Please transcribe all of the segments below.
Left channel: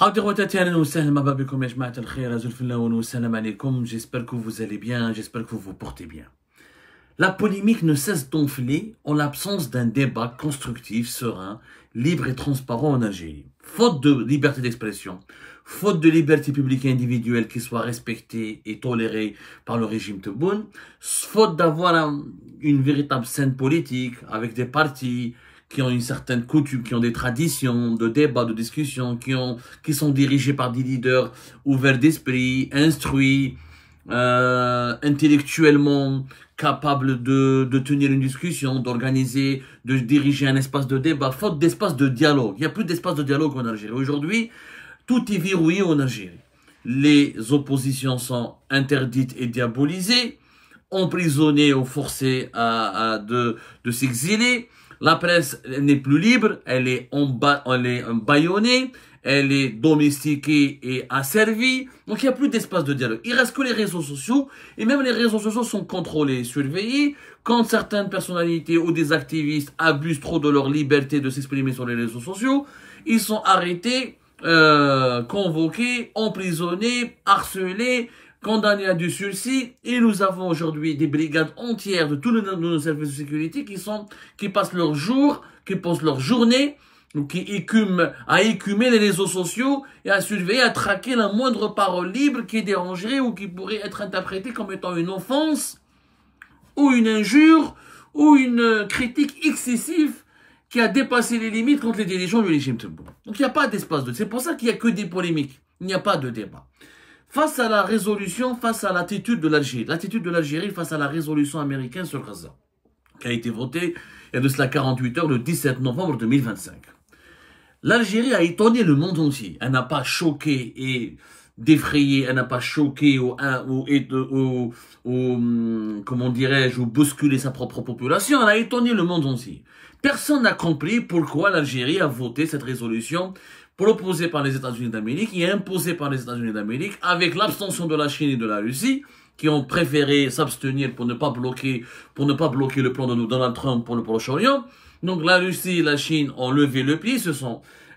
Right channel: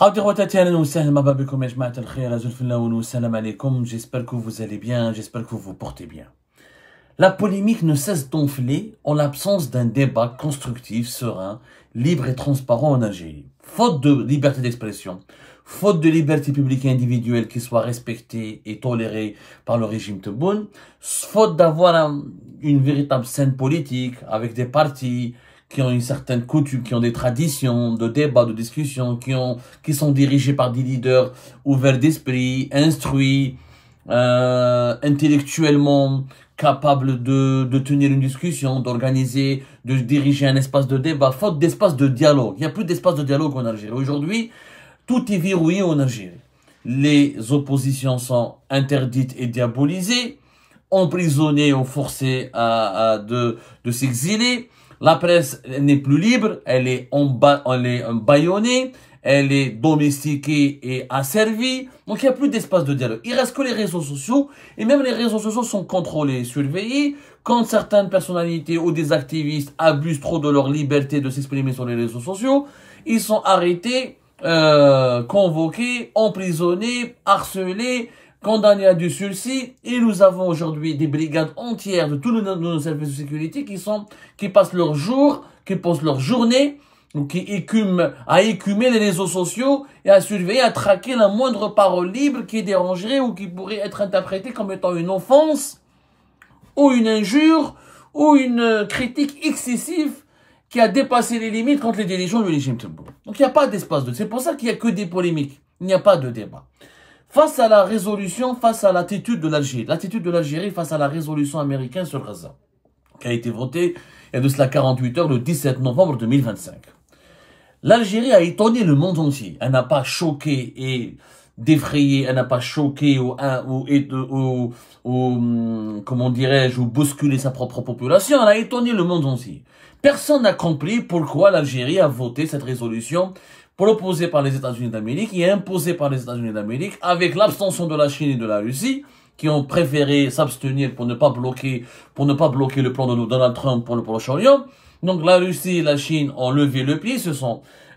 J'espère que vous allez bien, j'espère que vous vous portez bien. La polémique ne cesse d'enfler en l'absence d'un débat constructif, serein, libre et transparent en Algérie. Faute de liberté d'expression, faute de liberté publique et individuelle qui soit respectée et tolérée par le régime Tebboune, faute d'avoir une véritable scène politique avec des partis qui ont une certaine coutume, qui ont des traditions de débat, de discussion, qui sont dirigés par des leaders ouverts d'esprit, instruits, intellectuellement capables de tenir une discussion, d'organiser, de diriger un espace de débat, faute d'espace de dialogue. Il n'y a plus d'espace de dialogue en Algérie. Aujourd'hui, tout est verrouillé en Algérie. Les oppositions sont interdites et diabolisées, emprisonnées ou forcées de s'exiler. La presse n'est plus libre, elle est bâillonnée, elle est domestiquée et asservie. Donc il n'y a plus d'espace de dialogue. Il reste que les réseaux sociaux, et même les réseaux sociaux sont contrôlés, surveillés. Quand certaines personnalités ou des activistes abusent trop de leur liberté de s'exprimer sur les réseaux sociaux, ils sont arrêtés, convoqués, emprisonnés, harcelés, condamnés à du sursis. Et nous avons aujourd'hui des brigades entières de tous nos services de sécurité qui passent leur jour, qui passent leur journée, ou qui écumer les réseaux sociaux et à surveiller, à traquer la moindre parole libre qui dérangerait ou qui pourrait être interprétée comme étant une offense, ou une injure, ou une critique excessive qui a dépassé les limites contre les dirigeants du régime Tebboune. Donc il n'y a pas d'espace de... C'est pour ça qu'il n'y a que des polémiques. Il n'y a pas de débat. Face à la résolution, face à l'attitude de l'Algérie face à la résolution américaine sur Gaza, qui a été votée il y a de cela 48 heures, le 17 novembre 2025. L'Algérie a étonné le monde entier. Elle n'a pas choqué et défrayé, elle n'a pas choqué ou comment dirais-je, ou bousculé sa propre population. Elle a étonné le monde entier. Personne n'a compris pourquoi l'Algérie a voté cette résolution proposée par les États-Unis d'Amérique et imposée par les États-Unis d'Amérique avec l'abstention de la Chine et de la Russie qui ont préféré s'abstenir pour ne pas bloquer le plan de Donald Trump pour le Proche-Orient. Donc la Russie et la Chine ont levé le pied,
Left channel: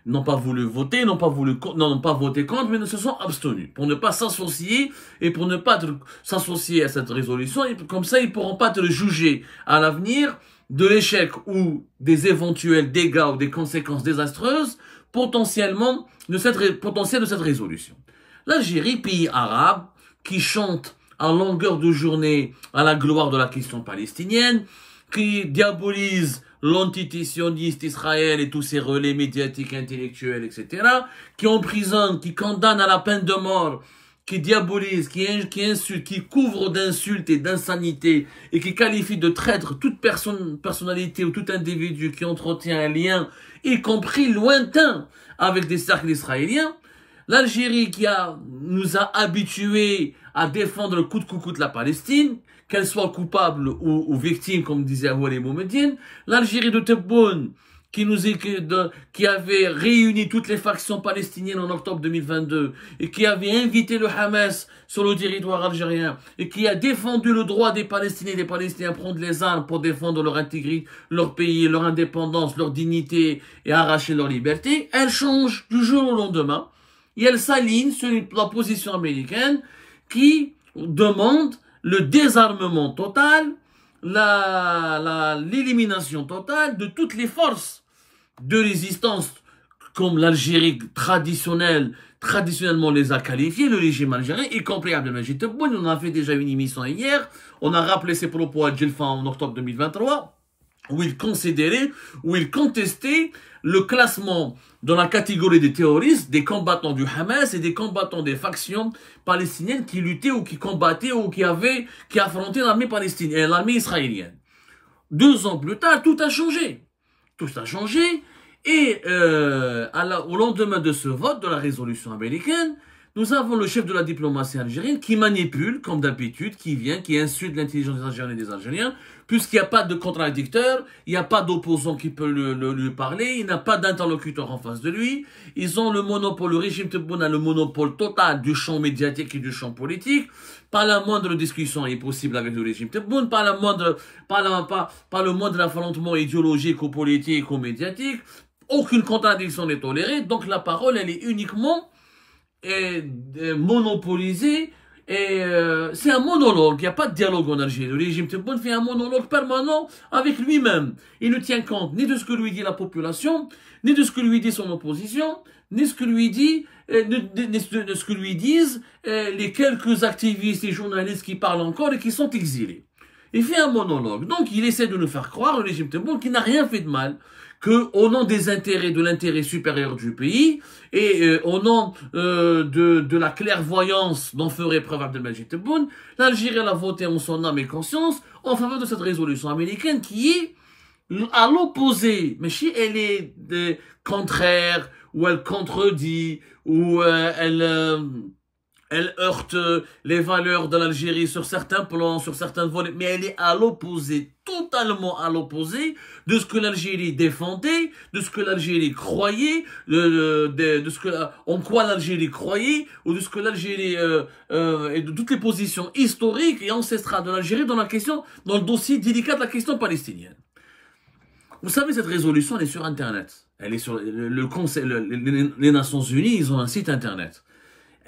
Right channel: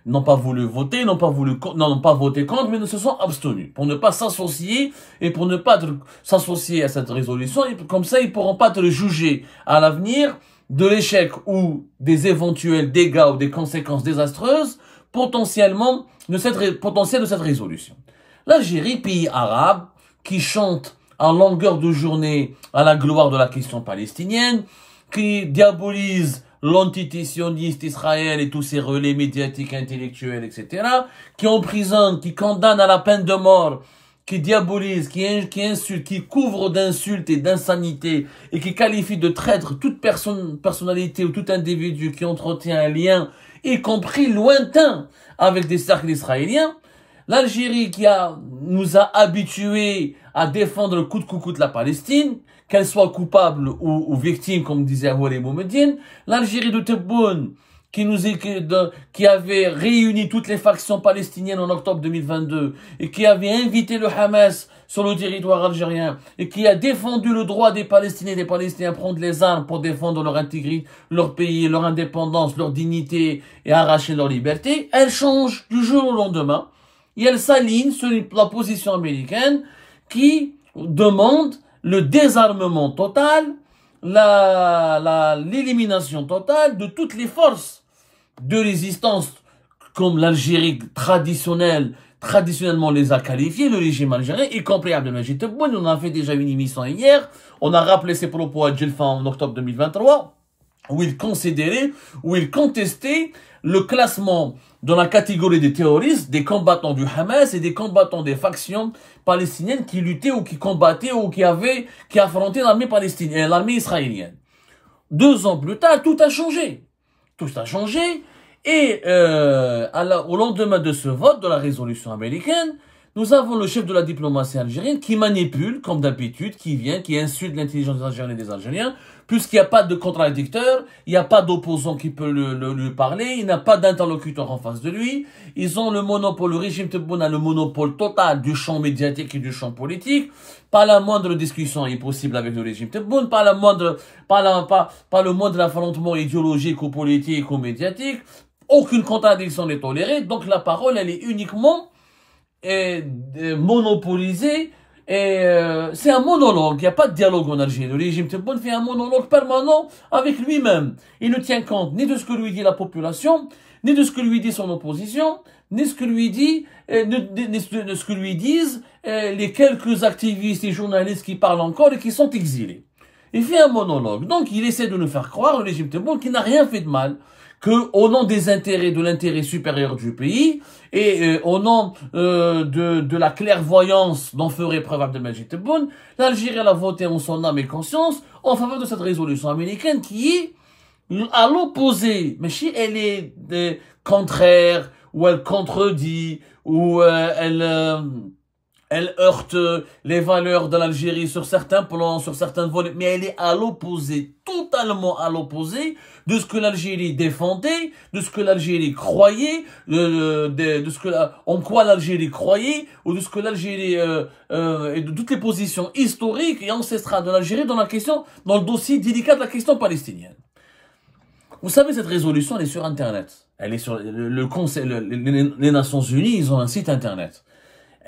n'ont pas voulu voter, n'ont pas voté contre, mais ne se sont abstenus pour ne pas s'associer et pour ne pas s'associer à cette résolution. Et comme ça, ils pourront pas être jugés à l'avenir de l'échec ou des éventuels dégâts ou des conséquences désastreuses potentielles de cette résolution. L'Algérie, pays arabe, qui chante à longueur de journée à la gloire de la question palestinienne, qui diabolise l'antisioniste Israël et tous ses relais médiatiques, intellectuels, etc., qui emprisonne, qui condamne à la peine de mort, qui diabolise, qui insulte, qui couvre d'insultes et d'insanité et qui qualifie de traître toute personnalité ou tout individu qui entretient un lien, y compris lointain, avec des cercles israéliens. L'Algérie nous a habitués à défendre le coûte que coûte la Palestine, qu'elle soit coupable ou victime, comme disait Awali Boumediene. L'Algérie de Tebboune, qui avait réuni toutes les factions palestiniennes en octobre 2022 et qui avait invité le Hamas sur le territoire algérien et qui a défendu le droit des Palestiniens et des Palestiniens à prendre les armes pour défendre leur intégrité, leur pays, leur indépendance, leur dignité et arracher leur liberté, elle change du jour au lendemain et elle s'aligne sur la position américaine qui demande le désarmement total, l'élimination totale de toutes les forces de résistance, comme l'Algérie traditionnellement les a qualifiés, le régime algérien, y compris Abdelmadjid Tebboune. On a fait déjà une émission hier, on a rappelé ses propos à Djelfa en octobre 2023, où il contestait le classement dans la catégorie des terroristes, des combattants du Hamas et des combattants des factions palestiniennes qui luttaient ou qui combattaient ou qui affrontaient l'armée palestinienne et l'armée israélienne. 2 ans plus tard, tout a changé. Tout a changé et au lendemain de ce vote de la résolution américaine, nous avons le chef de la diplomatie algérienne qui manipule, comme d'habitude, qui insulte l'intelligence des Algériens et des Algériens, puisqu'il n'y a pas de contradicteur, il n'y a pas d'opposant qui peut lui parler, il n'a pas d'interlocuteur en face de lui. Ils ont le monopole, le régime Tebboune a le monopole total du champ médiatique et du champ politique. Pas la moindre discussion est possible avec le régime Tebboune, pas le moindre affrontement idéologique ou politique ou médiatique. Aucune contradiction n'est tolérée, donc la parole, elle est uniquement monopolisé. Et c'est un monologue, il n'y a pas de dialogue en Algérie. Le régime Tebboune fait un monologue permanent avec lui-même. Il ne tient compte ni de ce que lui dit la population, ni de ce que lui dit son opposition, ni de ce que lui dit, de ce que lui disent les quelques activistes et journalistes qui parlent encore et qui sont exilés. Il fait un monologue. Donc il essaie de nous faire croire, le régime Tebboune, qu'il n'a rien fait de mal, que au nom des intérêts, de l'intérêt supérieur du pays, et au nom de la clairvoyance dont ferait preuve Abdelmadjid Tebboune, l'Algérie a voté en son âme et conscience en faveur de cette résolution américaine qui est à l'opposé. Mais si elle est contraire, ou elle contredit, ou elle heurte les valeurs de l'Algérie sur certains plans, sur certains volets, mais elle est à l'opposé, totalement à l'opposé de ce que l'Algérie défendait, de ce que l'Algérie croyait, de ce que en quoi l'Algérie croyait, ou de ce que l'Algérie et de toutes les positions historiques et ancestrales de l'Algérie dans la question, dans le dossier délicat de la question palestinienne. Vous savez, cette résolution, elle est sur Internet. Elle est sur le Conseil, les Nations Unies, ils ont un site Internet.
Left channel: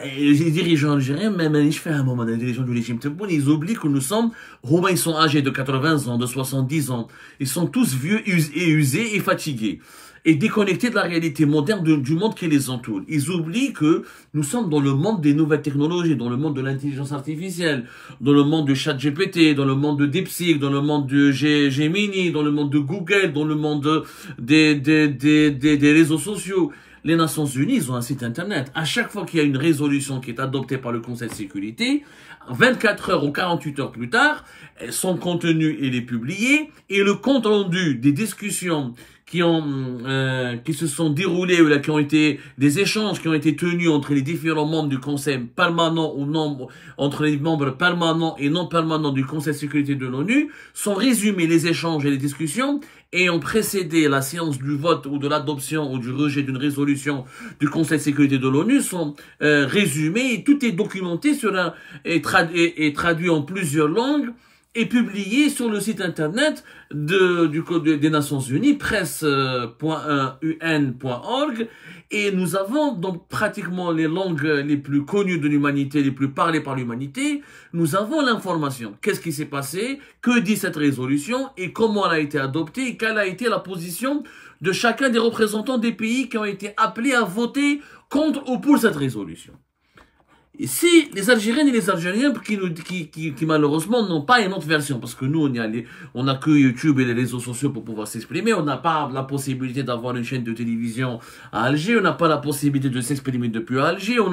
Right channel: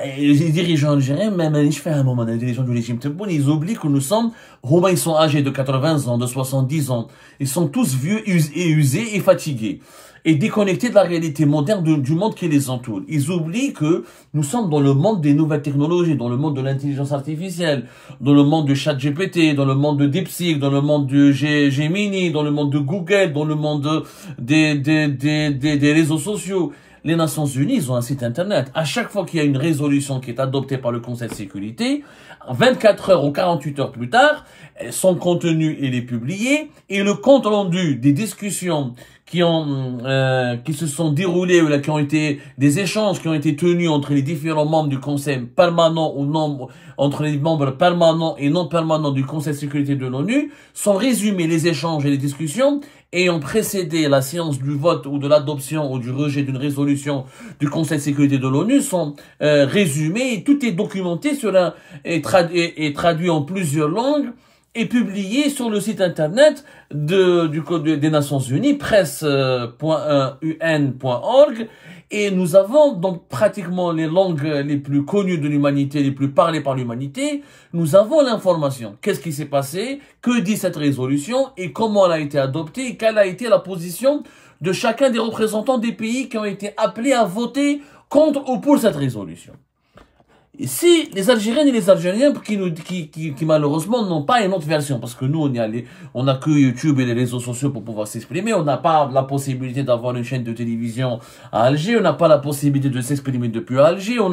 Et les dirigeants algériens, même je fais un moment, les dirigeants du régime Tebboune, ils oublient que nous sommes, Roumains, ils sont âgés de 80 ans, de 70 ans. Ils sont tous vieux et usés et fatigués. Et déconnectés de la réalité moderne du monde qui les entoure. Ils oublient que nous sommes dans le monde des nouvelles technologies, dans le monde de l'intelligence artificielle, dans le monde de ChatGPT, dans le monde de DeepSeek, dans le monde de Gemini, dans le monde de Google, dans le monde des réseaux sociaux. Les Nations Unies, ils ont un site Internet. À chaque fois qu'il y a une résolution qui est adoptée par le Conseil de sécurité, 24 heures ou 48 heures plus tard, son contenu il est publié et le compte rendu des discussions qui se sont déroulées ou là, qui ont été des échanges qui ont été tenus entre les différents membres du Conseil permanent ou non, entre les membres permanents et non permanents du Conseil de sécurité de l'ONU sont résumés les échanges et les discussions ayant précédé la séance du vote ou de l'adoption ou du rejet d'une résolution du Conseil de sécurité de l'ONU sont résumés et tout est documenté et traduit en plusieurs langues et publié sur le site internet des Nations Unies, presse.un.org, et nous avons donc pratiquement les langues les plus connues de l'humanité, les plus parlées par l'humanité, nous avons l'information. Qu'est-ce qui s'est passé? Que dit cette résolution? Et comment elle a été adoptée? Et quelle a été la position de chacun des représentants des pays qui ont été appelés à voter contre ou pour cette résolution? Et si les Algériennes et les Algériens qui malheureusement n'ont pas une autre version, parce que nous on a que YouTube et les réseaux sociaux pour pouvoir s'exprimer, on n'a pas la possibilité d'avoir une chaîne de télévision à Alger, on n'a pas la possibilité de s'exprimer depuis Alger, on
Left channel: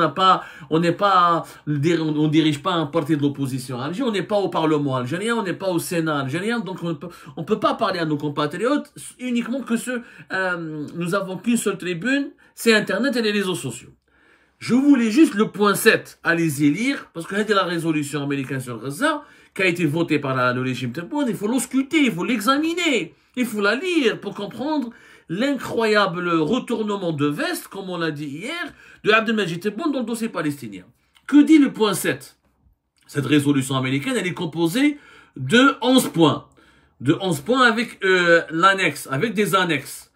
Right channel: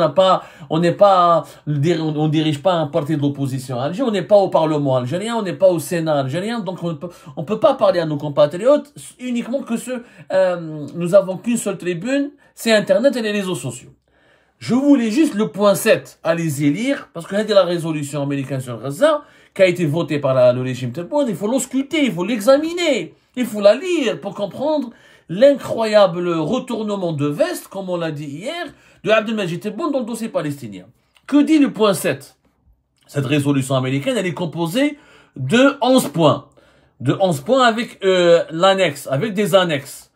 dirige pas un parti de l'opposition à Alger, on n'est pas au Parlement algérien, on n'est pas au Sénat algérien, donc on peut pas parler à nos compatriotes uniquement que nous avons qu'une seule tribune, c'est Internet et les réseaux sociaux. Je voulais juste le point 7, allez-y lire, parce que c'était la résolution américaine sur Gaza, qui a été votée par le régime Tebboune, il faut l'ausculter, il faut l'examiner, il faut la lire pour comprendre l'incroyable retournement de veste, comme on l'a dit hier, de Abdelmadjid Tebboune dans le dossier palestinien. Que dit le point 7? Cette résolution américaine, elle est composée de 11 points. De 11 points avec l'annexe, avec des annexes.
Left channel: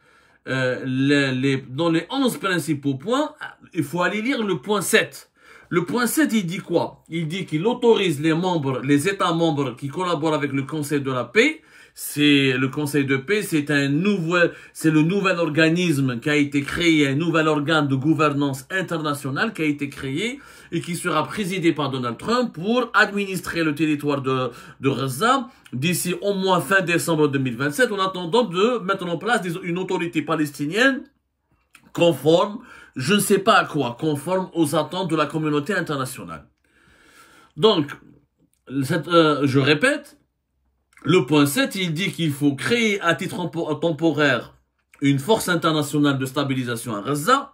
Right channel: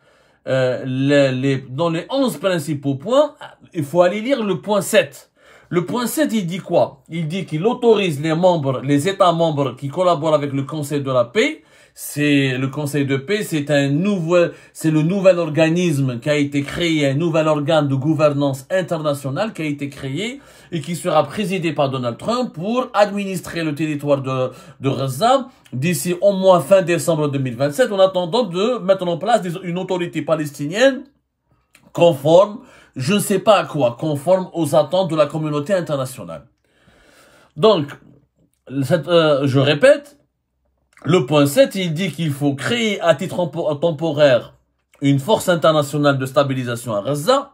Dans les 11 principaux points, il faut aller lire le point 7. Le point 7, il dit quoi? Il dit qu'il autorise les États membres qui collaborent avec le Conseil de la paix. Le Conseil de paix, c'est le nouvel organisme qui a été créé, un nouvel organe de gouvernance internationale qui a été créé et qui sera présidé par Donald Trump pour administrer le territoire de Gaza d'ici au moins fin décembre 2027 en attendant de mettre en place une autorité palestinienne conforme, je ne sais pas à quoi, conforme aux attentes de la communauté internationale. Donc, je répète, le point 7, il dit qu'il faut créer à titre temporaire une force internationale de stabilisation à Gaza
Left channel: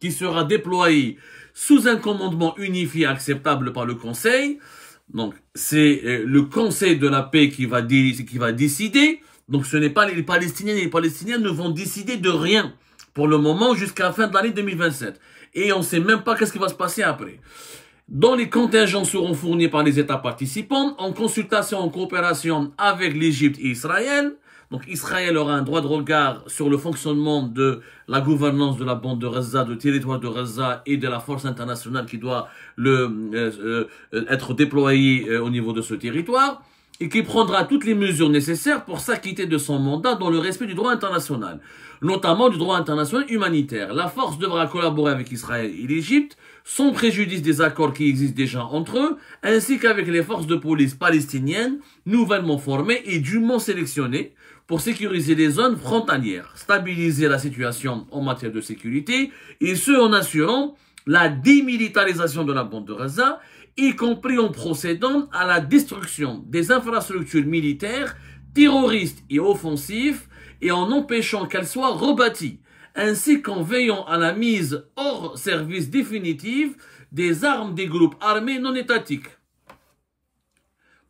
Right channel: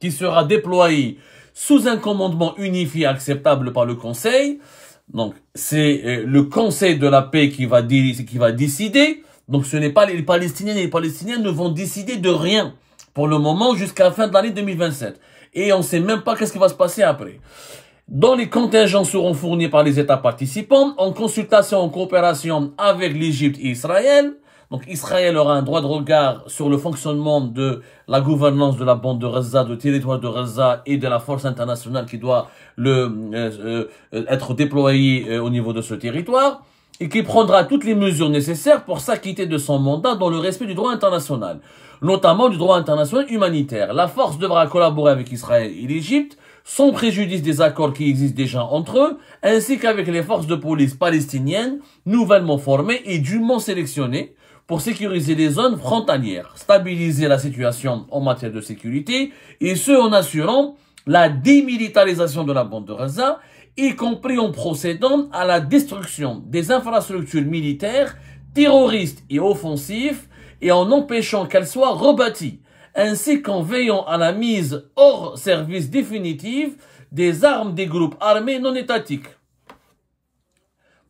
qui sera déployée sous un commandement unifié acceptable par le Conseil. Donc, c'est le Conseil de la paix qui va décider. Donc, ce n'est pas les Palestiniens et les Palestiniens ne vont décider de rien pour le moment jusqu'à la fin de l'année 2027. Et on ne sait même pas qu'est-ce qui va se passer après. Dont les contingents seront fournis par les États participants en consultation, en coopération avec l'Égypte et Israël. Donc Israël aura un droit de regard sur le fonctionnement de la gouvernance de la bande de Gaza, du territoire de Gaza et de la force internationale qui doit être déployée au niveau de ce territoire, et qui prendra toutes les mesures nécessaires pour s'acquitter de son mandat dans le respect du droit international, notamment du droit international humanitaire. La force devra collaborer avec Israël et l'Égypte, sans préjudice des accords qui existent déjà entre eux, ainsi qu'avec les forces de police palestiniennes, nouvellement formées et dûment sélectionnées, pour sécuriser les zones frontalières, stabiliser la situation en matière de sécurité, et ce en assurant la démilitarisation de la bande de Gaza, y compris en procédant à la destruction des infrastructures militaires, terroristes et offensives, et en empêchant qu'elles soient rebâties, ainsi qu'en veillant à la mise hors service définitive des armes des groupes armés non étatiques.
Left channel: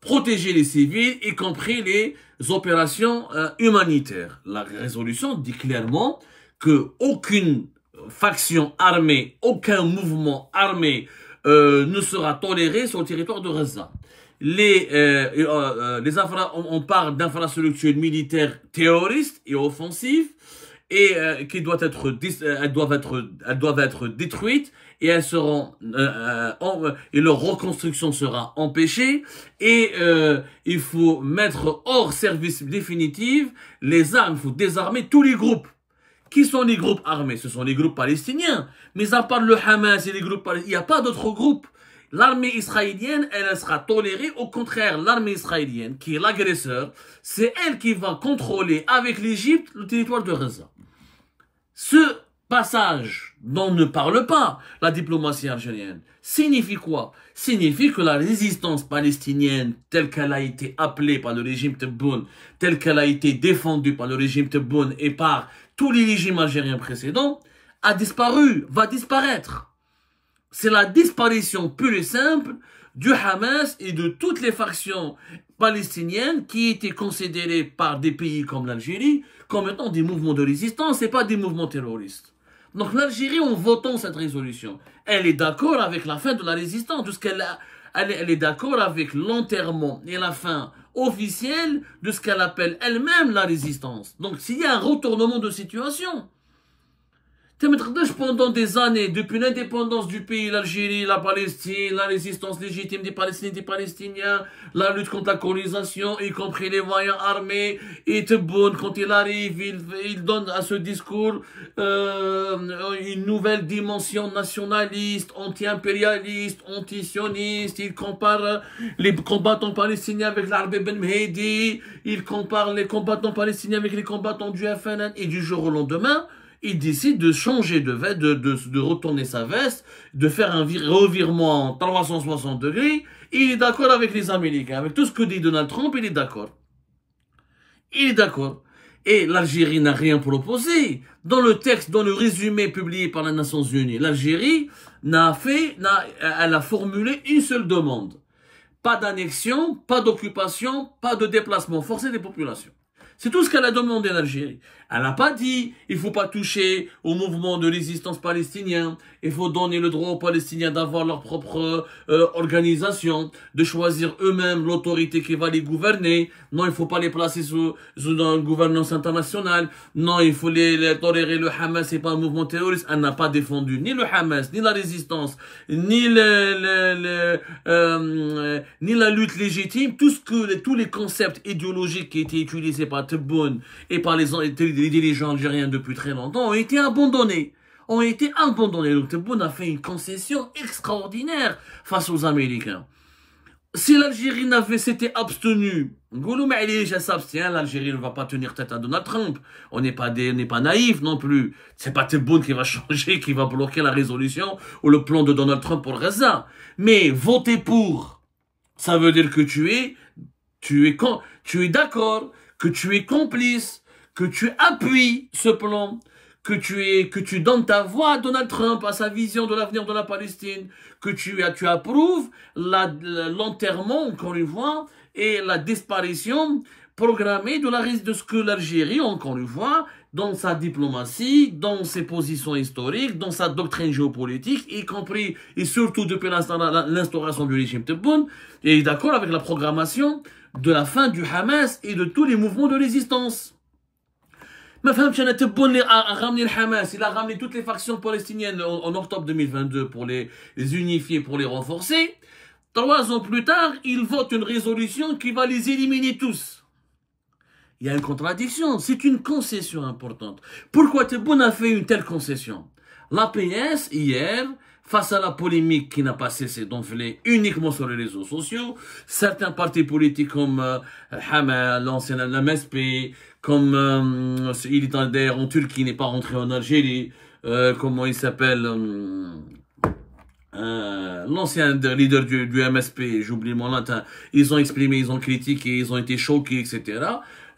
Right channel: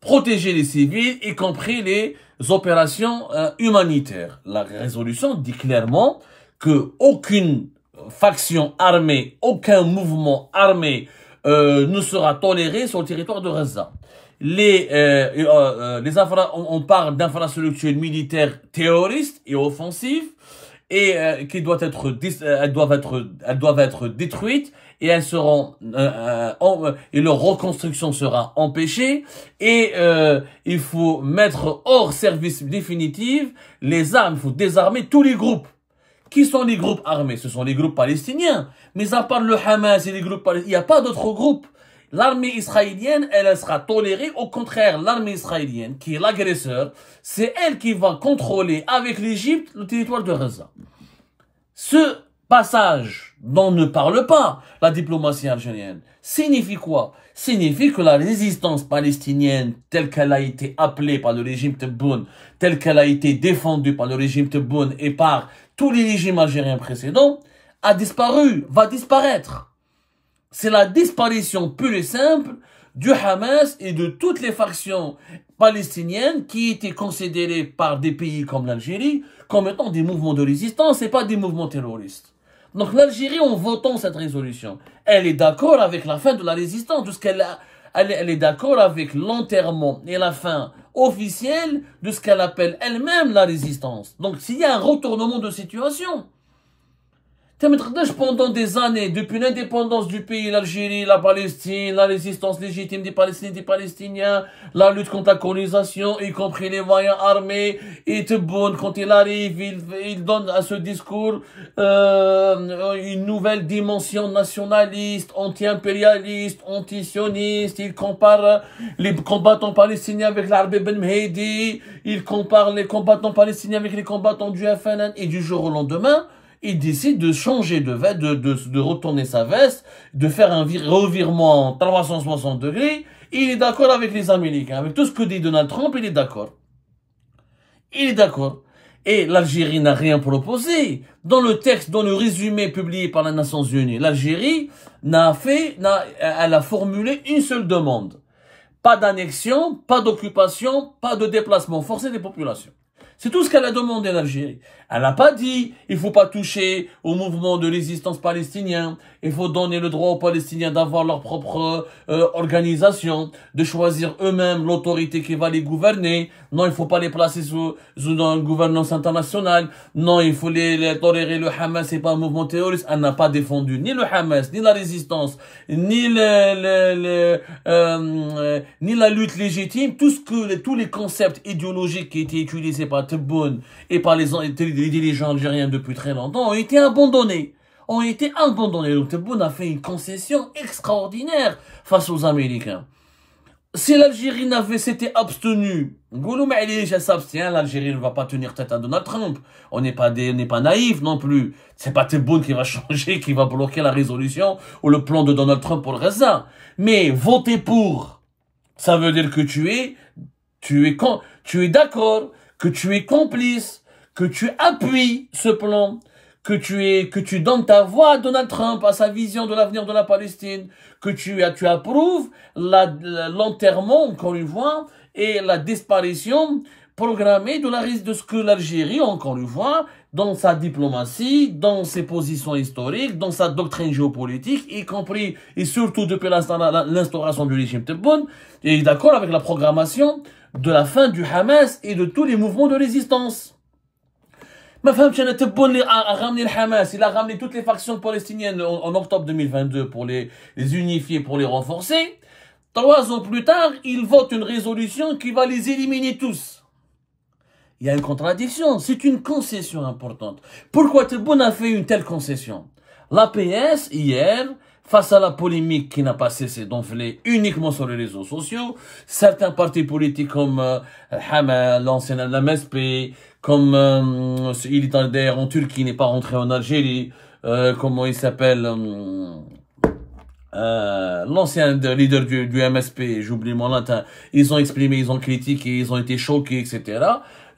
Protéger les civils, y compris les opérations humanitaires. La résolution dit clairement que aucune faction armée, aucun mouvement armé ne sera toléré sur le territoire de Gaza. On parle d'infrastructures militaires terroristes et offensives et qui doivent être détruites et elles seront et leur reconstruction sera empêchée et il faut mettre hors service définitif les armes, il faut désarmer tous les groupes. Qui sont les groupes armés? Ce sont les groupes palestiniens. Mais à part le Hamas et les groupes palestiniens, il n'y a pas d'autres groupes. L'armée israélienne, elle sera tolérée. Au contraire, l'armée israélienne, qui est l'agresseur, c'est elle qui va contrôler avec l'Égypte le territoire de Gaza. Ce passage dont ne parle pas la diplomatie algérienne signifie quoi? Signifie que la résistance palestinienne, telle qu'elle a été appelée par le régime Tebboune, telle qu'elle a été défendue par le régime Tebboune et par tous les régimes algériens précédents, a disparu, va disparaître. C'est la disparition pure et simple du Hamas et de toutes les factions palestiniennes qui étaient considérées par des pays comme l'Algérie comme étant des mouvements de résistance et pas des mouvements terroristes. Donc l'Algérie, en votant cette résolution, elle est d'accord avec la fin de la résistance, elle est d'accord avec l'enterrement et la fin officielle de ce qu'elle appelle elle-même la résistance. Donc s'il y a un retournement de situation, pendant des années, depuis l'indépendance du pays, l'Algérie, la Palestine, la résistance légitime des Palestiniens et des Palestiniens, la lutte contre la colonisation, y compris les moyens armés, et Tebboune, quand il arrive, il donne à ce discours une nouvelle dimension nationaliste, anti-impérialiste, anti-sioniste. Il compare les combattants palestiniens avec l'Arab Ben Mehdi, il compare les combattants palestiniens avec les combattants du FNN, et du jour au lendemain, il décide de changer de retourner sa veste, de faire un revirement en 360 degrés. Il est d'accord avec les Américains, avec tout ce que dit Donald Trump, il est d'accord. Il est d'accord. Et l'Algérie n'a rien proposé. Dans le texte, dans le résumé publié par les Nations Unies, l'Algérie elle a formulé une seule demande. Pas d'annexion, pas d'occupation, pas de déplacement forcé des populations. C'est tout ce qu'elle a demandé à l'Algérie. Elle n'a pas dit il faut pas toucher au mouvement de résistance palestinien, il faut donner le droit aux Palestiniens d'avoir leur propre organisation, de choisir eux-mêmes l'autorité qui va les gouverner. Non, il faut pas les placer sous une gouvernance internationale. Non, il faut les tolérer. Le Hamas, c'est pas un mouvement terroriste. Elle n'a pas défendu ni le Hamas, ni la résistance, ni ni la lutte légitime. Tous les concepts idéologiques qui étaient utilisés par Tebboune et par les dirigeants algériens depuis très longtemps ont été abandonnés. Donc Tebboune a fait une concession extraordinaire face aux Américains. Si l'Algérie s'était abstenue, l'Algérie ne va pas tenir tête à Donald Trump. On n'est pas naïfs non plus. C'est pas Tebboune qui va changer, qui va bloquer la résolution ou le plan de Donald Trump pour Gaza. Mais voter pour, ça veut dire que tu es d'accord, que tu es complice, que tu appuies ce plan, que tu donnes ta voix à Donald Trump, à sa vision de l'avenir de la Palestine, que tu approuves l'enterrement, encore une fois, et la disparition programmée de ce que l'Algérie, encore une fois, dans sa diplomatie, dans ses positions historiques, dans sa doctrine géopolitique, y compris et surtout depuis l'instauration du régime Tebboune, est d'accord avec la programmation de la fin du Hamas et de tous les mouvements de résistance. Ma femme, Tebboune a ramené le Hamas, il a ramené toutes les factions palestiniennes en octobre 2022 pour les unifier, pour les renforcer. 3 ans plus tard, il vote une résolution qui va les éliminer tous. Il y a une contradiction, c'est une concession importante. Pourquoi Tebboune a fait une telle concession? L'APS, hier, face à la polémique qui n'a pas cessé d'enfler uniquement sur les réseaux sociaux, certains partis politiques comme Hamas, l'ancien MSP, comme il est d'ailleurs en Turquie, il n'est pas rentré en Algérie, comment il s'appelle, l'ancien leader du MSP, j'oublie mon latin, ils ont exprimé, ils ont critiqué, ils ont été choqués, etc.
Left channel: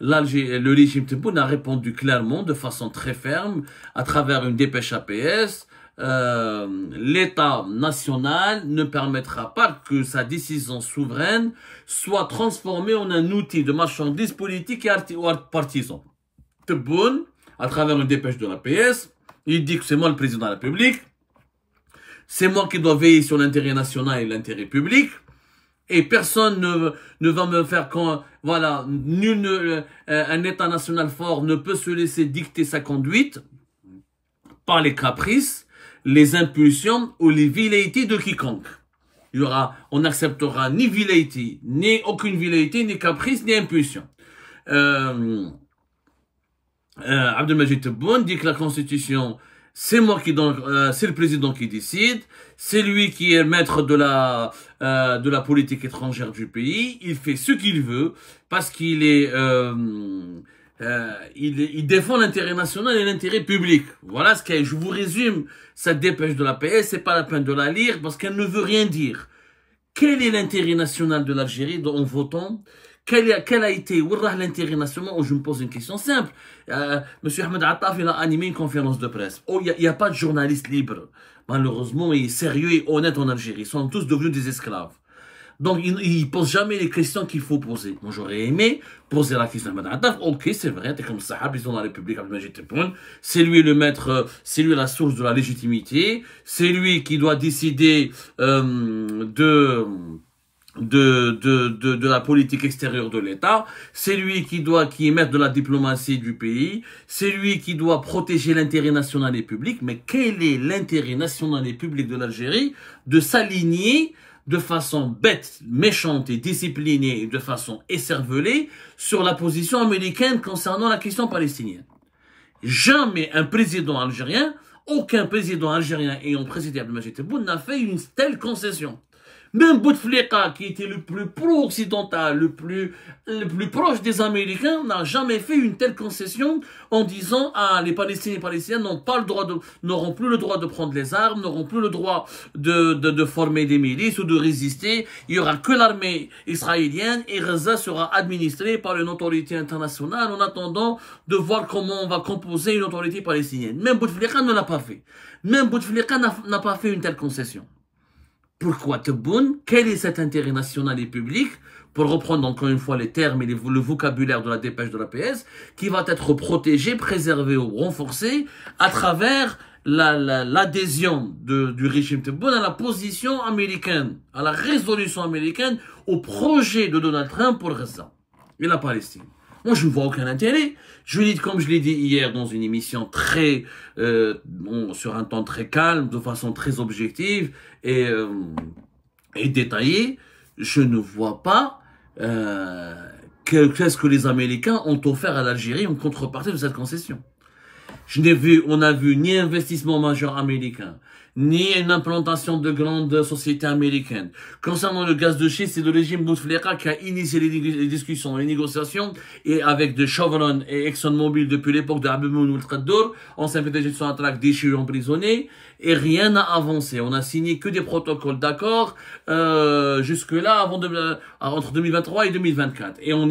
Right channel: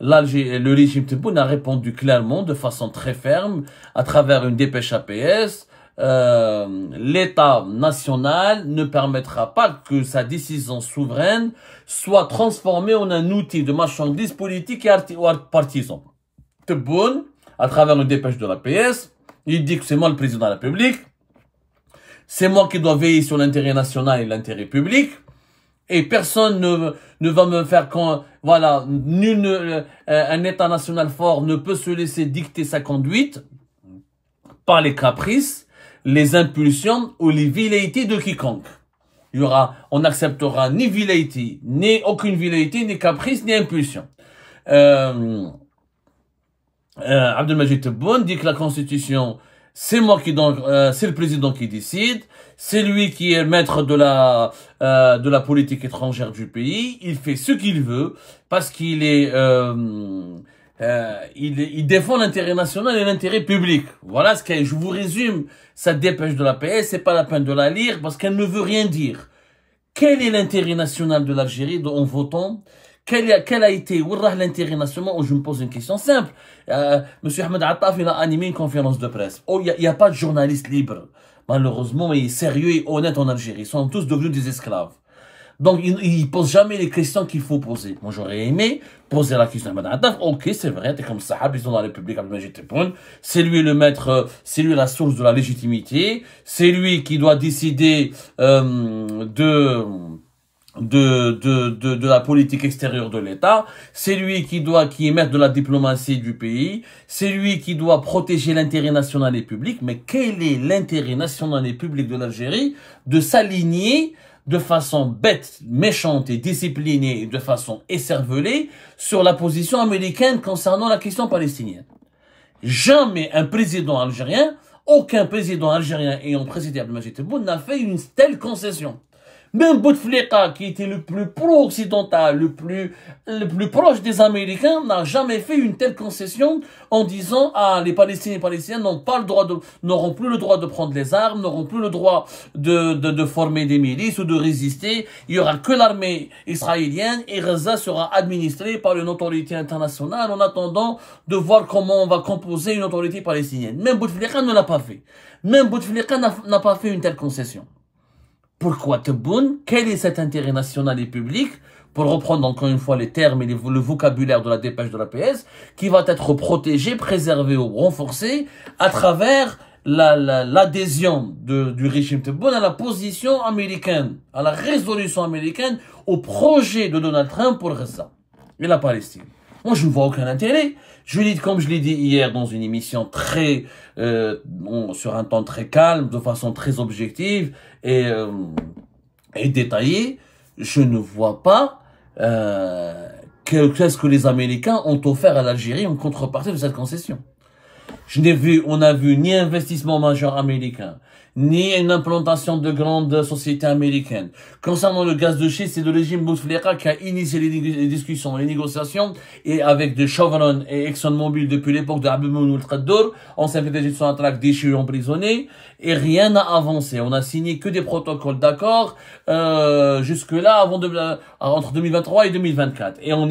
Le régime Tebboune a répondu clairement, de façon très ferme, à travers une dépêche APS. L'État national ne permettra pas que sa décision souveraine soit transformée en un outil de marchandise politique et partisan. Tebboune, à travers une dépêche de l'APS, il dit que c'est moi le président de la République, c'est moi qui dois veiller sur l'intérêt national et l'intérêt public, et personne ne va me faire voilà, un État national fort ne peut se laisser dicter sa conduite par les caprices, les impulsions ou les velléités de quiconque. On n'acceptera ni velléité, ni aucune velléité, ni caprice, ni impulsion. Abdelmajid Tebboune dit que la Constitution, c'est moi c'est le président qui décide, c'est lui qui est maître de la politique étrangère du pays, il fait ce qu'il veut parce qu'il il défend l'intérêt national et l'intérêt public. Voilà je vous résume sa dépêche de la PS, c'est pas la peine de la lire parce qu'elle ne veut rien dire. Quel est l'intérêt national de l'Algérie en votant? Quel a été l'intérêt national? Je me pose une question simple. Monsieur Ahmed Attaf, il a animé une conférence de presse. Oh, il n'y a pas de journaliste libre. Malheureusement, il est sérieux et honnête en Algérie. Ils sont tous devenus des esclaves. Donc, il ne pose jamais les questions qu'il faut poser. Moi, j'aurais aimé poser la question à Ahmed Attaf. Ok, c'est vrai, t'es comme Sahab, ils sont dans la République Abdelmajid Tebboune. C'est lui le maître, c'est lui la source de la légitimité. C'est lui qui doit décider de la politique extérieure de l'État, c'est lui qui est maître de la diplomatie du pays, c'est lui qui doit protéger l'intérêt national et public, mais quel est l'intérêt national et public de l'Algérie de s'aligner de façon bête, méchante et disciplinée et de façon écervelée sur la position américaine concernant la question palestinienne? Jamais un président algérien, aucun président algérien ayant présidé Abdelmajid Tebboune n'a fait une telle concession. Même Bouteflika, qui était le plus pro-occidental, le plus proche des Américains, n'a jamais fait une telle concession en disant les Palestiniens et les Palestiniens n'auront plus le droit de prendre les armes, n'auront plus le droit de former des milices ou de résister. Il y aura que l'armée israélienne et Gaza sera administrée par une autorité internationale en attendant de voir comment on va composer une autorité palestinienne. Même Bouteflika ne l'a pas fait. Même Bouteflika n'a pas fait une telle concession. Pourquoi Tebboune? Quel est cet intérêt national et public, pour reprendre encore une fois les termes et le vocabulaire de la dépêche de l'APS, qui va être protégé, préservé ou renforcé à travers l'adhésion du régime Tebboune à la position américaine, à la résolution américaine, au projet de Donald Trump pour Gaza et la Palestine. Moi, je ne vois aucun intérêt. Comme je l'ai dit hier dans une émission sur un ton très calme, de façon très objective et détaillée, je ne vois pas qu'est-ce que les Américains ont offert à l'Algérie en contrepartie de cette concession. On n'a vu ni investissement majeur américain, ni une implantation de grandes sociétés américaines. Concernant le gaz de schiste, c'est le régime Bouteflika qui a initié les discussions, les négociations, et avec de Chevron et ExxonMobil depuis l'époque de Abdelmoune Ould-Khaddour, ancien PDG de Sonatrach déchu et emprisonné, et rien n'a avancé. On a signé que des protocoles d'accord jusque-là, entre 2023 et 2024. Et on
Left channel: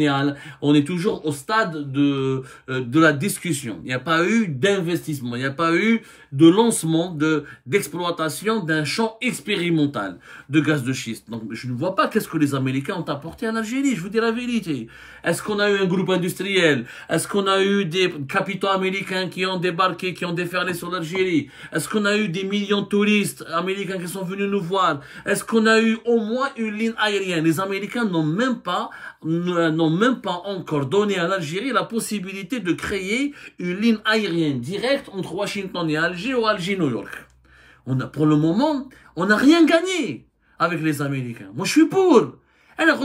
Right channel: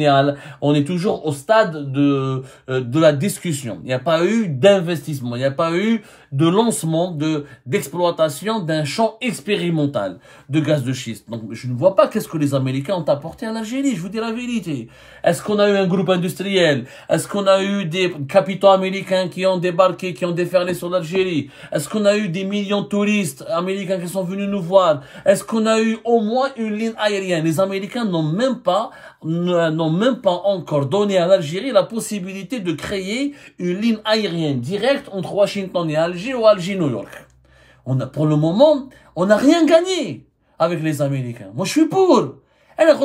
est toujours au stade de la discussion. Il n'y a pas eu d'investissement, il n'y a pas eu de lancement, d'exploitation d'un champ expérimental de gaz de schiste. Donc, je ne vois pas qu'est-ce que les Américains ont apporté à l'Algérie, je vous dis la vérité. Est-ce qu'on a eu un groupe industriel? Est-ce qu'on a eu des capitaux américains qui ont débarqué, qui ont déferlé sur l'Algérie? Est-ce qu'on a eu des millions de touristes américains qui sont venus nous voir? Est-ce qu'on a eu au moins une ligne aérienne? Les Américains n'ont même pas encore donné à l'Algérie la possibilité de créer une ligne aérienne directe entre Washington et Alger ou Alger-New York. Pour le moment, on n'a rien gagné avec les Américains. Moi, je suis pour. Alors,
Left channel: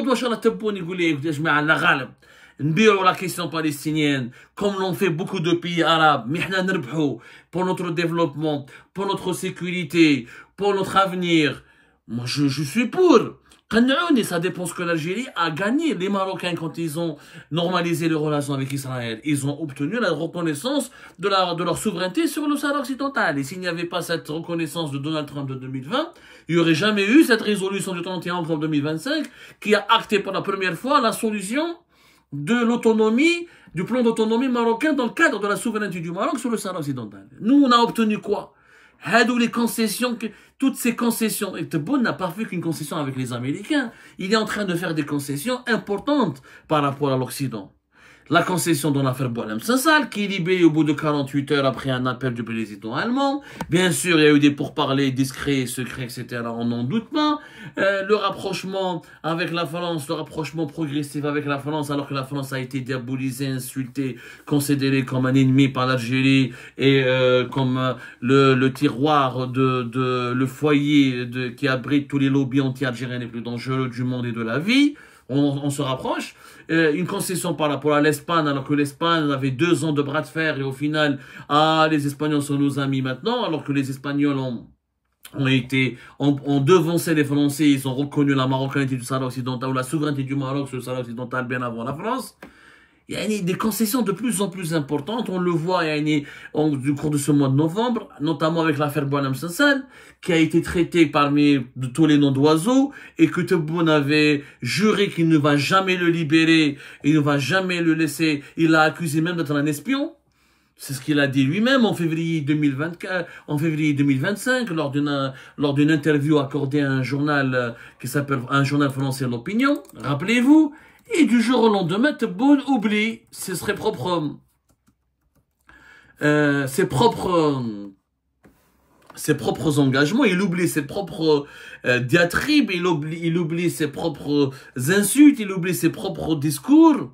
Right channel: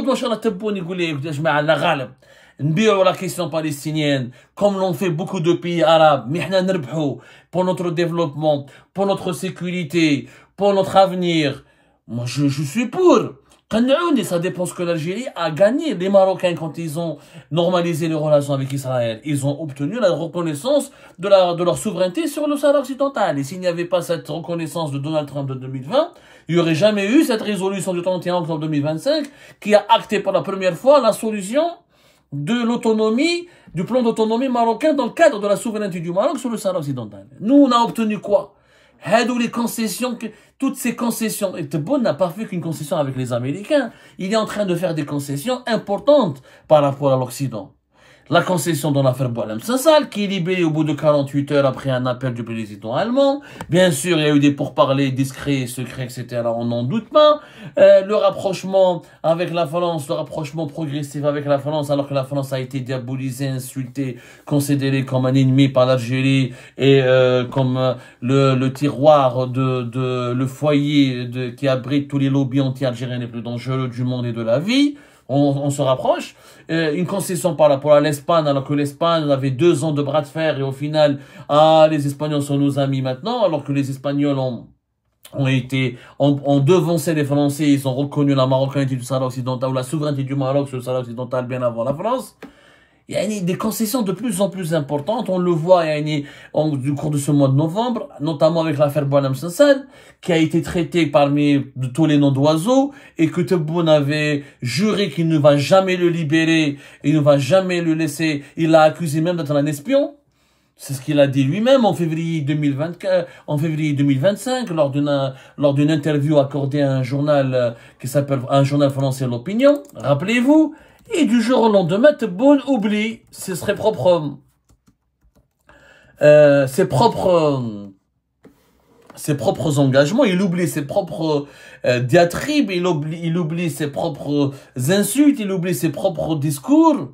la question palestinienne, comme l'ont fait beaucoup de pays arabes, pour notre développement, pour notre sécurité, pour notre avenir. Moi, je suis pour. Et ça dépend ce que l'Algérie a gagné. Les Marocains, quand ils ont normalisé les relations avec Israël, ils ont obtenu la reconnaissance de leur souveraineté sur le Sahara occidental. Et s'il n'y avait pas cette reconnaissance de Donald Trump de 2020, il n'y aurait jamais eu cette résolution du 31 octobre 2025 qui a acté pour la première fois la solution de l'autonomie, du plan d'autonomie marocain dans le cadre de la souveraineté du Maroc sur le Sahara occidental. Nous, on a obtenu quoi? Les concessions, toutes ces concessions. Et Tebboune n'a pas fait qu'une concession avec les Américains. Il est en train de faire des concessions importantes par rapport à l'Occident. La concession dans l'affaire Boualem Sansal, qui est libérée au bout de 48 heures après un appel du président allemand. Bien sûr, il y a eu des pourparlers discrets, secrets, etc. On n'en doute pas. Le rapprochement avec la France, le rapprochement progressif avec la France, alors que la France a été diabolisée, insultée, considérée comme un ennemi par l'Algérie et comme le tiroir le foyer qui abrite tous les lobbies anti-algériens les plus dangereux du monde et de la vie. On se rapproche. Une concession par rapport à l'Espagne, alors que l'Espagne avait 2 ans de bras de fer et au final, les Espagnols sont nos amis maintenant, alors que les Espagnols ont devancé les Français, ils ont reconnu la marocanité du Sahara occidental ou la souveraineté du Maroc sur le Sahara occidental bien avant la France. Il y a des concessions de plus en plus importantes. On le voit du cours de ce mois de novembre, notamment avec l'affaire Boualem Sansal, qui a été traitée de tous les noms d'oiseaux, et que Tebboune avait juré qu'il ne va jamais le libérer, et il ne va jamais le laisser. Il l'a accusé même d'être un espion. C'est ce qu'il a dit lui-même en février 2025, lors d'une interview accordée à un journal un journal français, L'Opinion. Rappelez-vous. Et du jour au lendemain, Tebboune oublie ses propres engagements, il oublie ses propres diatribes, il oublie ses propres insultes, il oublie ses propres discours.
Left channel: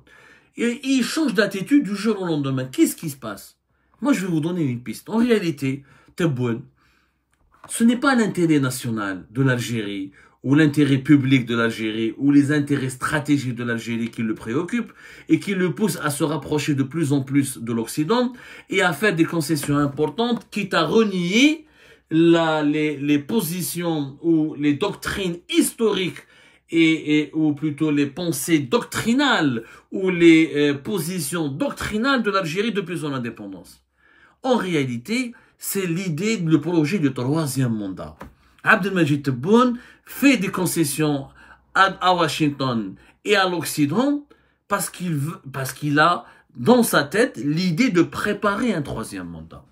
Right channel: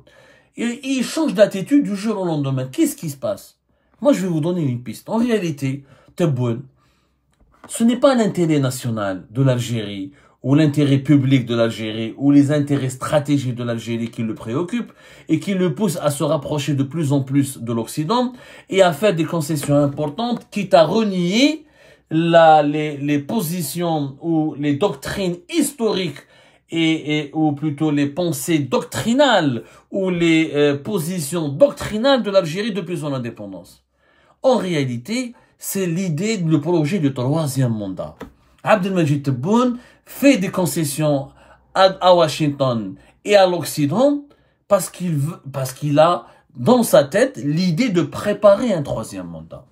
Et il change d'attitude du jour au lendemain. Qu'est-ce qui se passe? Moi, je vais vous donner une piste. En réalité, Tebboune, ce n'est pas l'intérêt national de l'Algérie, ou l'intérêt public de l'Algérie, ou les intérêts stratégiques de l'Algérie qui le préoccupent, et qui le poussent à se rapprocher de plus en plus de l'Occident, et à faire des concessions importantes, quitte à renier les positions ou les doctrines historiques, ou plutôt les pensées doctrinales, ou les positions doctrinales de l'Algérie depuis son indépendance. En réalité, c'est l'idée, le projet du 3e mandat. Abdelmajid Tebboune fait des concessions à Washington et à l'Occident parce qu'il a dans sa tête l'idée de préparer un 3e mandat.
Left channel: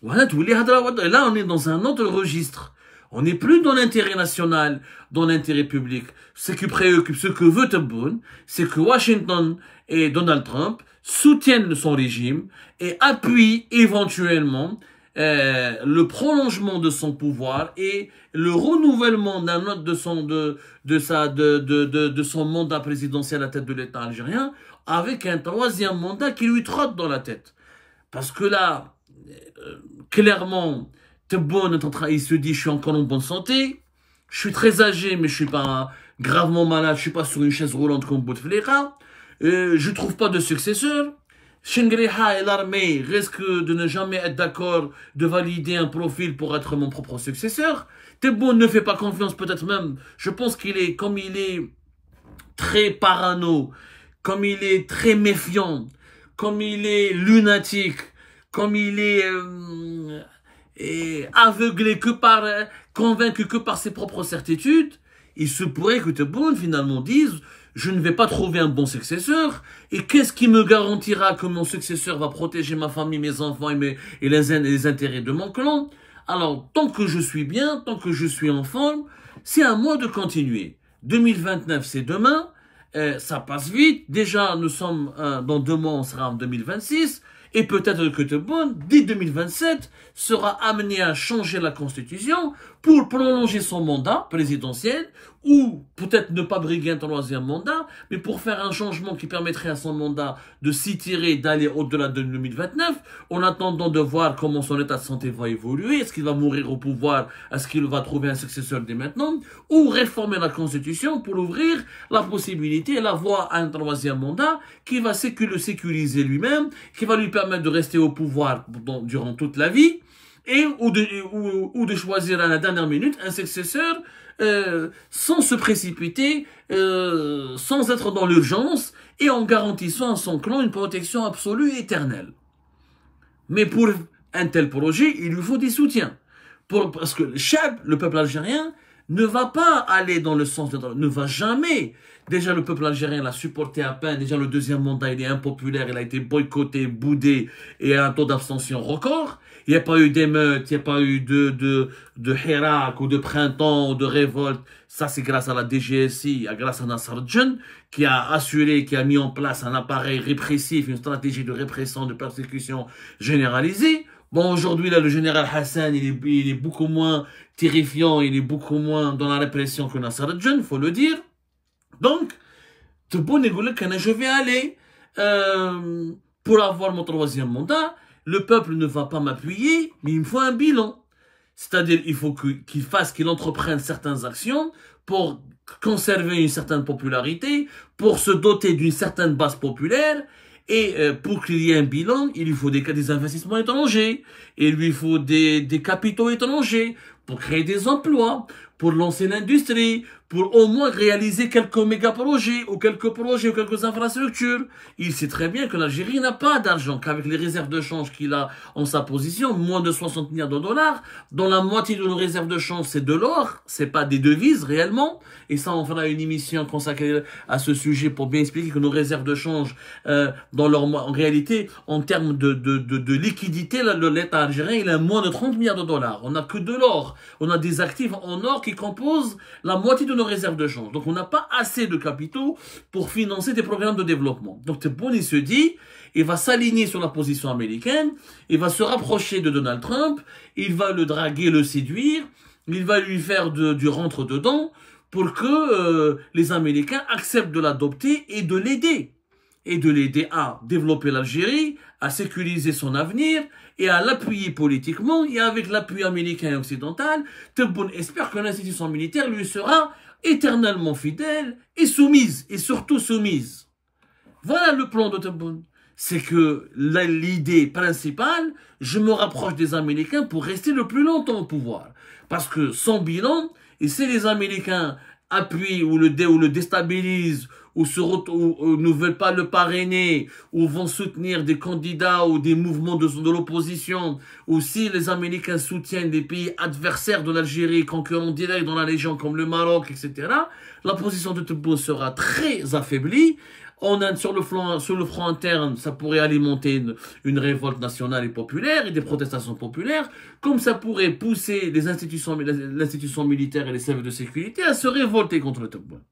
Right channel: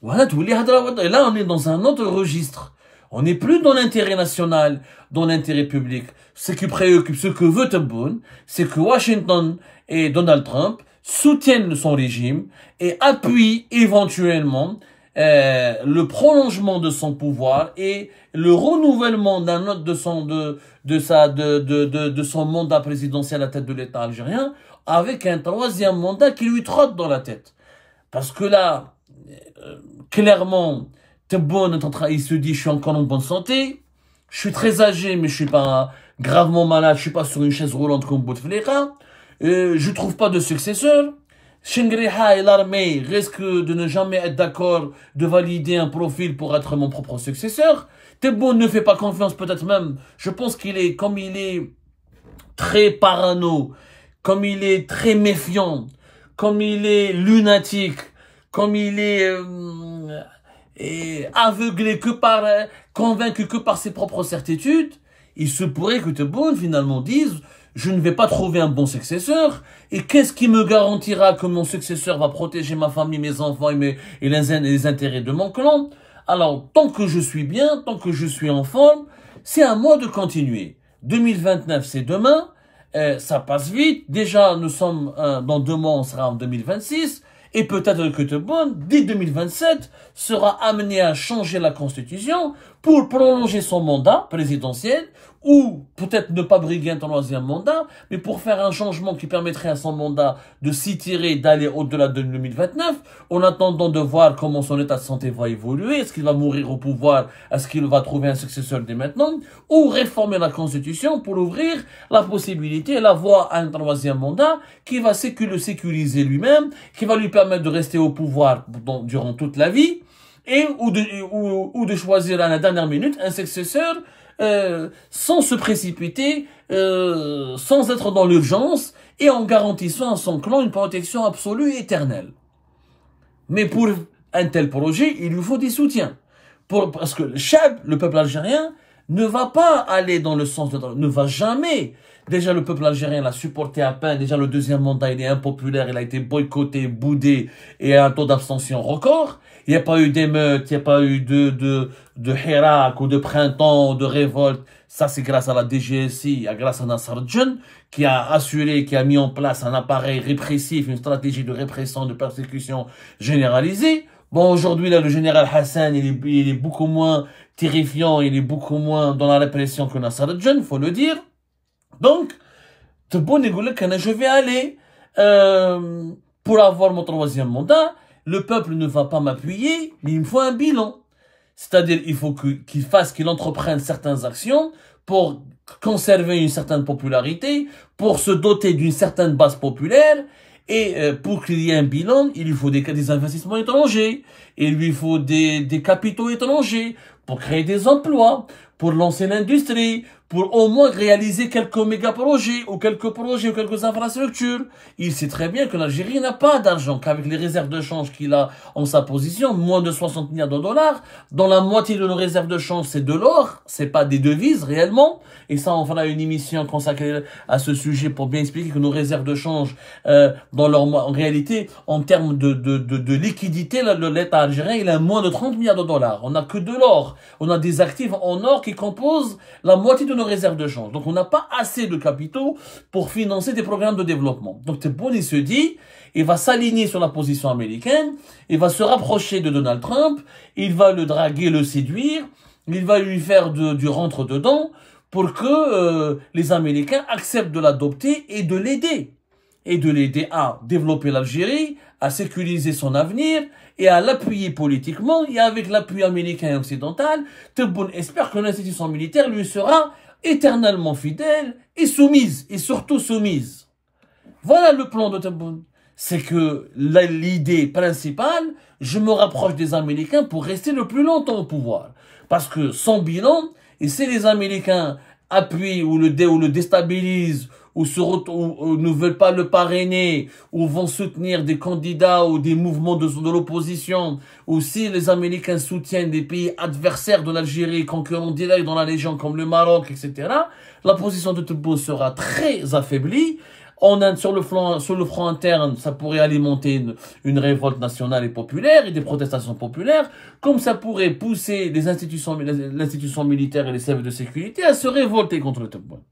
Voilà, là, on est dans un autre registre. On n'est plus dans l'intérêt national, dans l'intérêt public. Ce qui préoccupe, ce que veut Tebboune, c'est que Washington et Donald Trump soutiennent son régime et appuient éventuellement le prolongement de son pouvoir et le renouvellement de son mandat présidentiel à la tête de l'État algérien avec un 3e mandat qui lui trotte dans la tête. Parce que là, clairement, Tebboune il se dit, je suis encore en bonne santé, je suis très âgé, mais je suis pas gravement malade, je suis pas sur une chaise roulante comme Bouteflika, je trouve pas de successeur. Chengriha et l'armée risquent de ne jamais être d'accord de valider un profil pour être mon propre successeur. Tebboune ne fait pas confiance, peut-être même, je pense comme il est très parano, comme il est très méfiant, comme il est lunatique, comme il est aveuglé convaincu que par ses propres certitudes, il se pourrait que Tebboune finalement dise, je ne vais pas trouver un bon successeur. Et qu'est-ce qui me garantira que mon successeur va protéger ma famille, mes enfants et les intérêts de mon clan? Alors, tant que je suis bien, tant que je suis en forme, c'est à moi de continuer. 2029, c'est demain. Ça passe vite. Déjà, nous sommes dans 2 mois, on sera en 2026. Et peut-être que Tebboune, dès 2027, sera amené à changer la Constitution pour prolonger son mandat présidentiel ou peut-être ne pas briguer un 3e mandat, mais pour faire un changement qui permettrait à son mandat de s'étirer, d'aller au-delà de 2029, en attendant de voir comment son état de santé va évoluer, est-ce qu'il va mourir au pouvoir, est-ce qu'il va trouver un successeur dès maintenant, ou réformer la Constitution pour ouvrir la possibilité et la voie à un 3e mandat qui va le sécuriser lui-même, qui va lui permettre de rester au pouvoir durant toute la vie, et ou de choisir à la dernière minute un successeur sans se précipiter, sans être dans l'urgence et en garantissant à son clan une protection absolue et éternelle. Mais pour un tel projet, il lui faut des soutiens. Parce que le Tchad, le peuple algérien, ne va pas aller dans le sens ne va jamais. Déjà, le peuple algérien l'a supporté à peine. Déjà, le 2e mandat, il est impopulaire. Il a été boycotté, boudé et a un taux d'abstention record. Il n'y a pas eu d'émeute, il n'y a pas eu de Hirak ou de printemps ou de révolte. Ça, c'est grâce à la DGSI, grâce à Nasser Djen, qui a assuré, qui a mis en place un appareil répressif, une stratégie de répression, de persécution généralisée. Bon, aujourd'hui, là, le général Hassan, il est beaucoup moins terrifiant, il est beaucoup moins dans la répression que Nasser Djen, faut le dire. Donc, je vais aller pour avoir mon 3e mandat. Le peuple ne va pas m'appuyer, mais il me faut un bilan. C'est-à-dire, il faut qu'il entreprenne certaines actions pour conserver une certaine popularité, pour se doter d'une certaine base populaire, et pour qu'il y ait un bilan, il lui faut des investissements étrangers, il lui faut des capitaux étrangers, pour créer des emplois, pour lancer l'industrie, pour au moins réaliser quelques méga-projets ou quelques infrastructures. Il sait très bien que l'Algérie n'a pas d'argent, qu'avec les réserves de change qu'il a en sa position, moins de 60 milliards de dollars, dont la moitié de nos réserves de change, c'est de l'or, c'est pas des devises réellement. Et ça, on fera une émission consacrée à ce sujet pour bien expliquer que nos réserves de change, en réalité, en termes de liquidité, l'État algérien, il a moins de 30 milliards de dollars. On n'a que de l'or. On a des actifs en or qui composent la moitié de nos réserves de change. Donc, on n'a pas assez de capitaux pour financer des programmes de développement. Donc, Tebboune, il se dit, il va s'aligner sur la position américaine, il va se rapprocher de Donald Trump, il va le draguer, le séduire, il va lui faire du rentre-dedans pour que les Américains acceptent de l'adopter et de l'aider. Et de l'aider à développer l'Algérie, à sécuriser son avenir et à l'appuyer politiquement. Et avec l'appui américain et occidental, Tebboune espère que l'institution militaire lui sera éternellement fidèle et soumise, et surtout soumise. Voilà le plan de Tebboune. C'est que l'idée principale, je me rapproche des Américains pour rester le plus longtemps au pouvoir. Parce que son bilan, et si les Américains appuient ou le déstabilisent, ou ne veulent pas le parrainer, ou vont soutenir des candidats ou des mouvements de l'opposition, ou si les Américains soutiennent des pays adversaires de l'Algérie, concurrents directs dans la région comme le Maroc, etc., la position de Tebboune sera très affaiblie. Sur le front interne, ça pourrait alimenter une révolte nationale et populaire et des protestations populaires, comme ça pourrait pousser l'institution militaire et les services de sécurité à se révolter contre le Tebboune.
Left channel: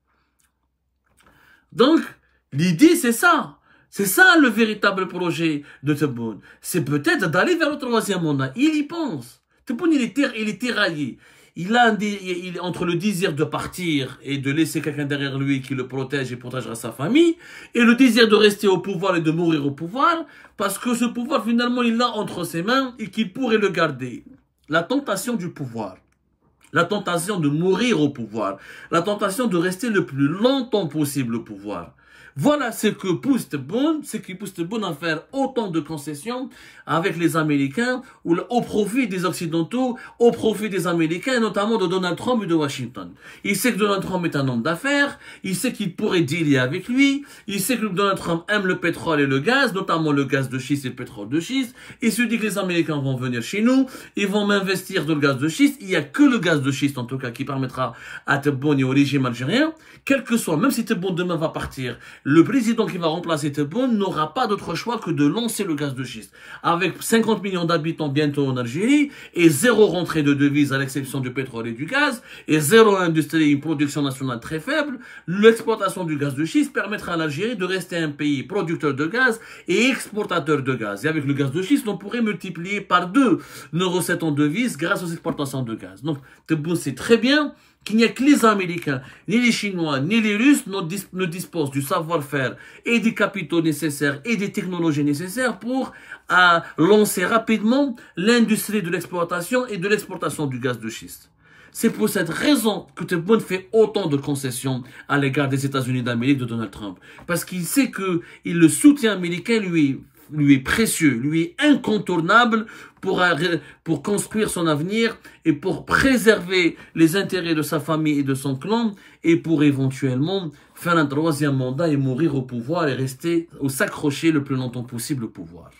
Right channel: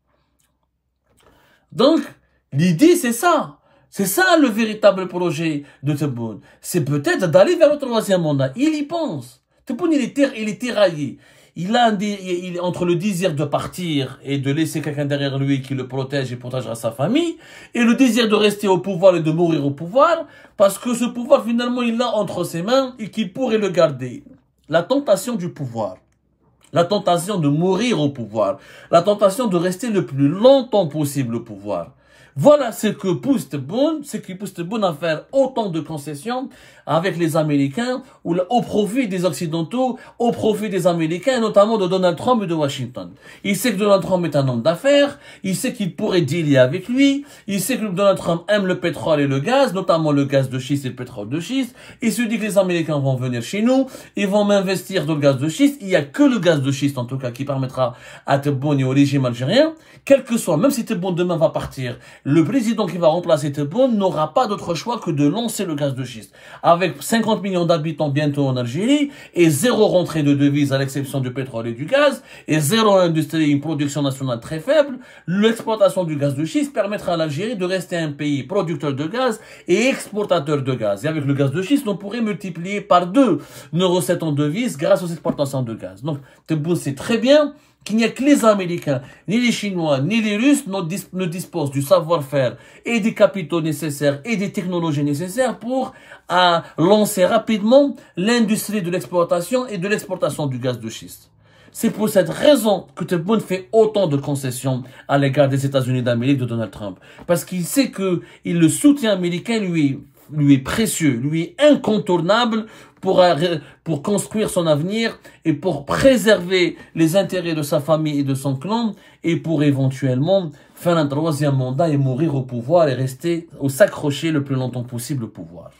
Donc, l'idée, c'est ça. C'est ça le véritable projet de Tebboune. C'est peut-être d'aller vers le 3e mandat. Il y pense. Tebboune, il est tiraillé. Il est entre le désir de partir et de laisser quelqu'un derrière lui qui le protège et protégera sa famille, et le désir de rester au pouvoir et de mourir au pouvoir, parce que ce pouvoir, finalement, il l'a entre ses mains et qu'il pourrait le garder. La tentation du pouvoir. La tentation de mourir au pouvoir. La tentation de rester le plus longtemps possible au pouvoir. Voilà ce que pousse Tebboune, ce qui pousse Tebboune à faire autant de concessions avec les Américains, au profit des Occidentaux, au profit des Américains, et notamment de Donald Trump et de Washington. Il sait que Donald Trump est un homme d'affaires, il sait qu'il pourrait dealer avec lui, il sait que Donald Trump aime le pétrole et le gaz, notamment le gaz de schiste et le pétrole de schiste. Il se dit que les Américains vont venir chez nous, ils vont m'investir dans le gaz de schiste. Il n'y a que le gaz de schiste, en tout cas, qui permettra à Tebboune et au régime algérien, quel que soit, même si Tebboune demain va partir, le président qui va remplacer Tebboune n'aura pas d'autre choix que de lancer le gaz de schiste. Avec 50 millions d'habitants bientôt en Algérie, et zéro rentrée de devises à l'exception du pétrole et du gaz, et zéro industrie, une production nationale très faible, l'exploitation du gaz de schiste permettra à l'Algérie de rester un pays producteur de gaz et exportateur de gaz. Et avec le gaz de schiste, on pourrait multiplier par 2 nos recettes en devises grâce aux exportations de gaz. Donc, Tebboune sait très bien qu'il n'y a que les Américains, ni les Chinois, ni les Russes ne disposent du savoir-faire et des capitaux nécessaires et des technologies nécessaires pour lancer rapidement l'industrie de l'exploitation et de l'exportation du gaz de schiste. C'est pour cette raison que Tebboune fait autant de concessions à l'égard des États-Unis d'Amérique de Donald Trump. Parce qu'il sait que le soutien américain lui est précieux, lui est incontournable pour construire son avenir et pour préserver les intérêts de sa famille et de son clan et pour éventuellement faire un 3e mandat et mourir au pouvoir et rester ou s'accrocher le plus longtemps possible au pouvoir.